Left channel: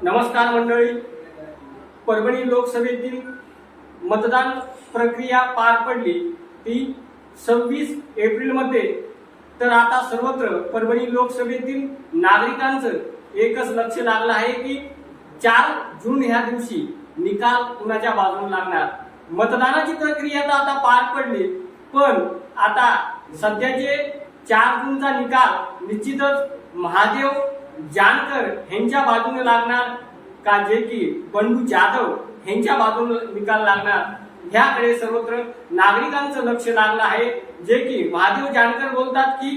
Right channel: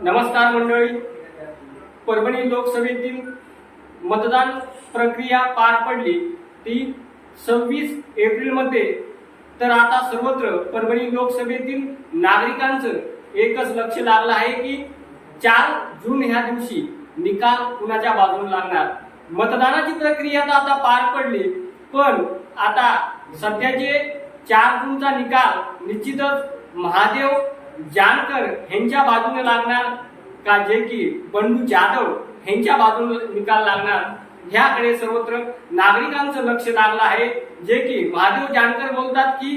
नमस्कार मंडळी. परभणी लोकसभेतील मतदान प्रक्रिया पार पडली. ती सव्वीस एप्रिलमध्ये. तर आता सर्वत्र परभणी लोकसभेतील नागरिकांचं एकच लक्ष लागलं आहे की चार जून ह्या दिवशी निकाल कुणाच्या बाजूने लागणार? मतदानाची प्रक्रिया तर आता पार पडली पण आता सध्याचे चार जूनचा निकाल निश्चितच महादेव जानकर ह्यांच्या बाजूने लागणार का जे की बंडू जाधव ह्यांच्या बाजूने निकाल लागणार? ह्याकडे सर्वत्र नागरिकांचं लक्ष लागलं आहे. जे की महादेव जानकर बोलतात की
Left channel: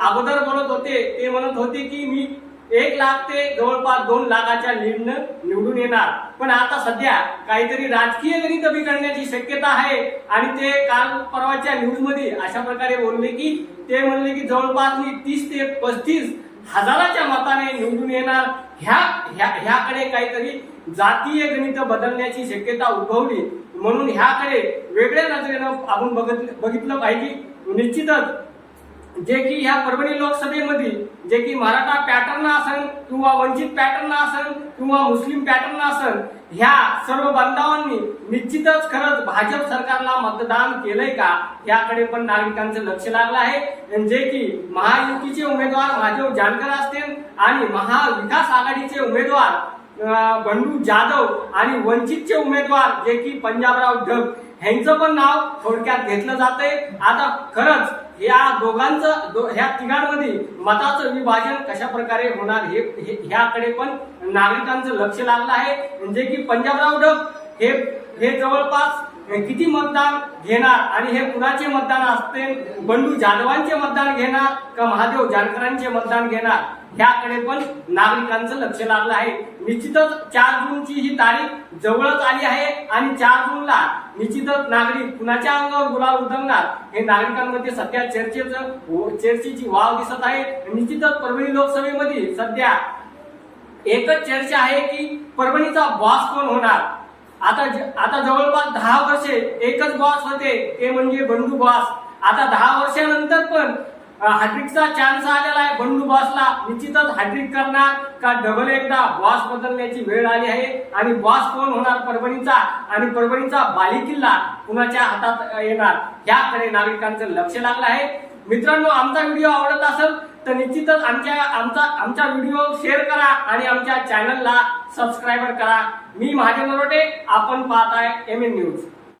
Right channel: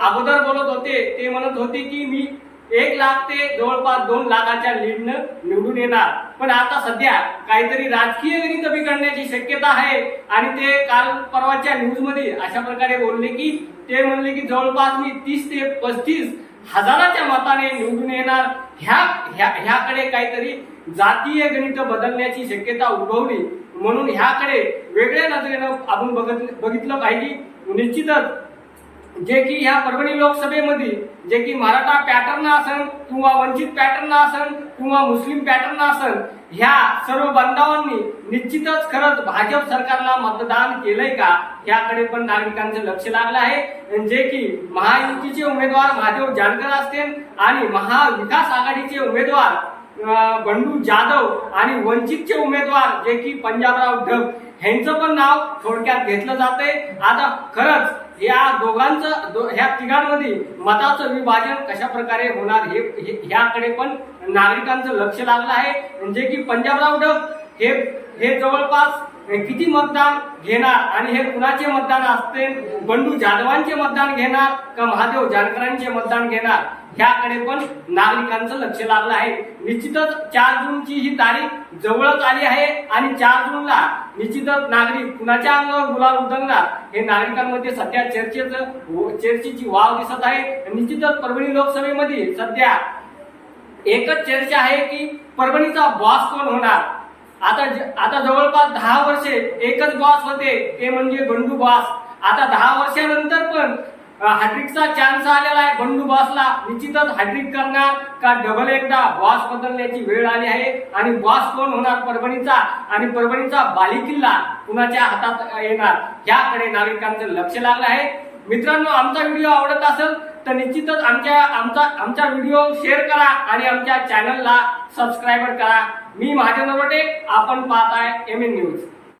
अगोदर बोलत होते ते म्हणत होते की मी एक लाख ते जवळपास दोन लाखाच्या लीडनं निवडून येणार. पण आता सध्या काहीतरी राजकीय गणित बिघडण्याची शक्यता आहे. आणि ते काल परवाच्या न्यूजमध्ये अशा प्रकारे बोलले की ते म्हणले की जवळपास मी तीस ते पस्तीस हजाराच्या मताने निवडून येणार ह्या ह्या ह्याकडे काहीतरी जातीय गणित बदलण्याची शक्यता उद्भवली. म्हणून ह्याकडे वेगळ्या नजरेनं आपण बघत बघितलं पाहिजे. निश्चितच जे की ह्या परभणी लोकसभेमध्ये जे की मराठा पॅटर्न असन किंवा वंचित पॅटर्न असन किंवा मुस्लिम पॅटर्न असन ह्या सर्व बांधवांनी निश्चितच खरंच भाजप सरकारला मतदान केलंय का? याकडे पण नागरिकांचं लक्ष लागलं आहे. जे की महायुतीचे उमेदवार महादेव जानकर असतील आणि महाविकास आघाडीचे उमेदवार बंडू जाधव आणि वंचितचे उमेदवार जे की पंजाबराव ढग ह्यांचं पण नाव थोडक्यात घेतलं जातंय. आता खरंच या दोघांचं दो- ह्या तिघांमध्ये मताचं विभाजन कशा प्रकारे होणार हे हे- ह्याकडे पण नागरिकांचं लक्ष लागलं आहे. जे की पंजाबराव ढग हे हे जवळपास किती मतदान घेणार आणि हे कुणाचे मतदान असते? बंडू जाधवांचे मतदान घेणार का महादेव जानकरांचे मतदान घेणार? ह्याकडे पण नागरिकांचं लक्ष लागलं आहे. निश्चितच चार जूनची ही तारीख जवळच आली आहे आणि चार जूनला निश्चितच नागरिक कुणाच्या अंगावर गुलाल उधळणार हे नागरिकांमध्ये सध्या चर्चेचं चर्चेची वाव दिसत आहे. निश्चितच परभणी लोकसभेमध्ये सध्या एकच चर्चा आहे की परभणीचा बॉस कोण होणार? आता ज- आता जवळपास दहा वर्षे एकच बॉस होते ते म्हणजे बंडू बॉस आता दहा वर्षानंतर पण हॅट्रिकचा चान्स आलेला आहे बंडू बॉसला निश्चितच हॅट्रिक करणार का डबल एकदा बॉस बदलण्याची वेळ आली आहे. आणि बॉस कोण होणार परभणीचा? आणि परभणीचा बालिकिल्ला कुणाच्या हातात येणार? याकडे नागरिकांचं लक्ष लागलं आहे. मित्रांनो आमचा व्हिडिओ आवडत असेल तर निश्चितच आमच्या आमचा आमचा व्हिडिओ शेअर करा आणि आमच्या चॅनलला सबस्क्राईबर करा. मी महाजन नरोटे आपण पाहत आहे एम एन न्यूज